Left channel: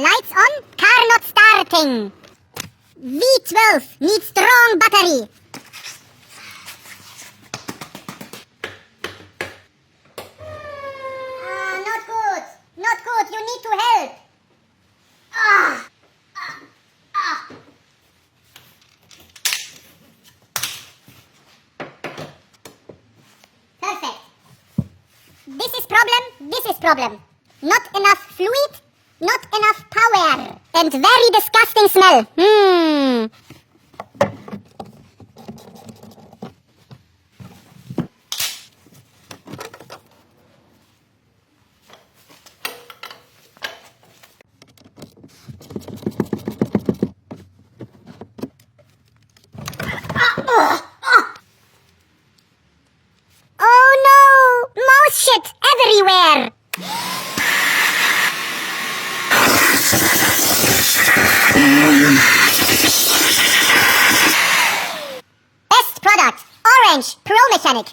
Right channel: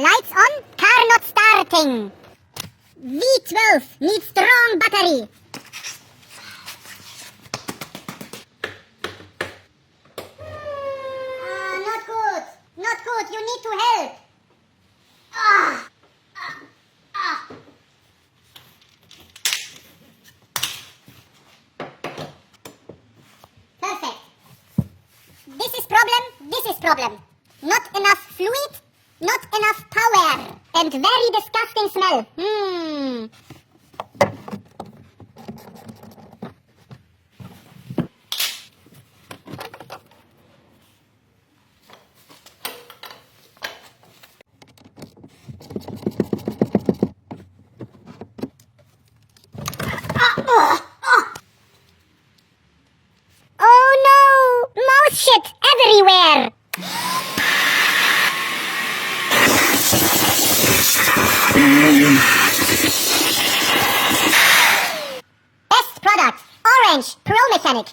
Lights on, car not starting. V12 needs strong battery. Not good. Not good. You need to help. Perfect. This is problem. Not enough fluid, not enough power, and very disgusting smell. Oh no! Mouse shit everywhere! Best product, Orange Pro Mechanic.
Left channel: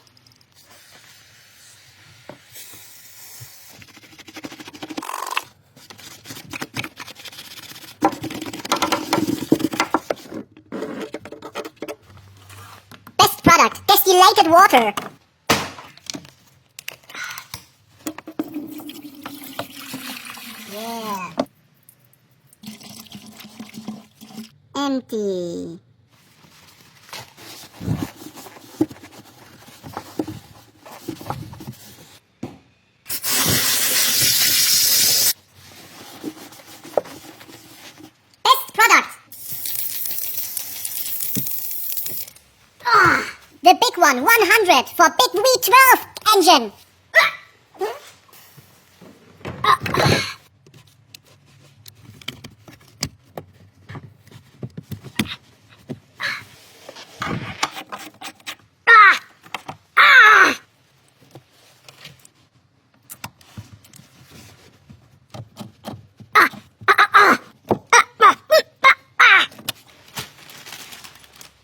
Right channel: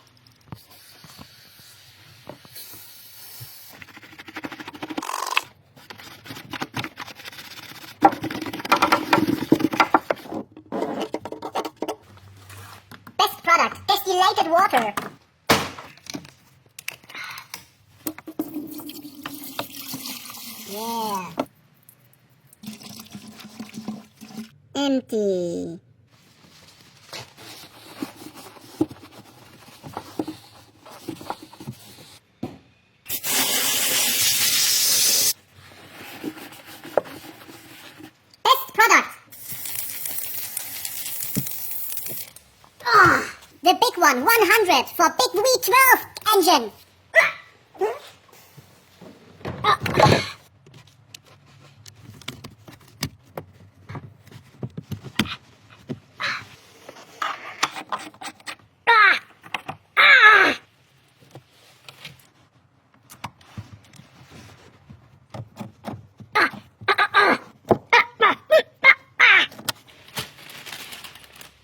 Best product, distilled water. Yeah. Empty. Best product. The big one, 100 for big V12 engine.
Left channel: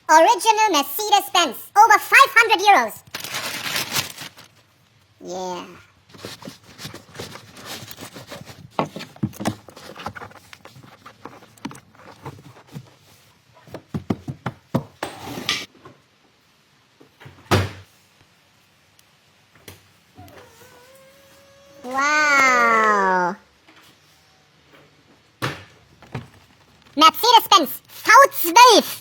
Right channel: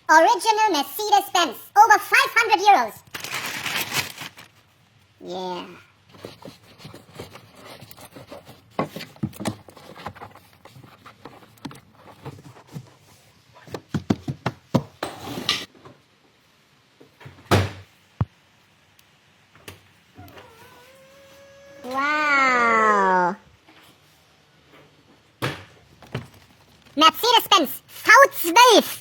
Original Mercedes-Benz, over 500 euros. Yeah. Wow. Mercedes-Benz V12.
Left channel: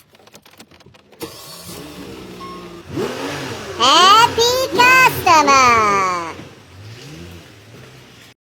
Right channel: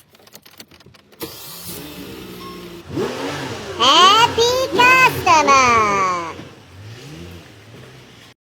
Happy customer!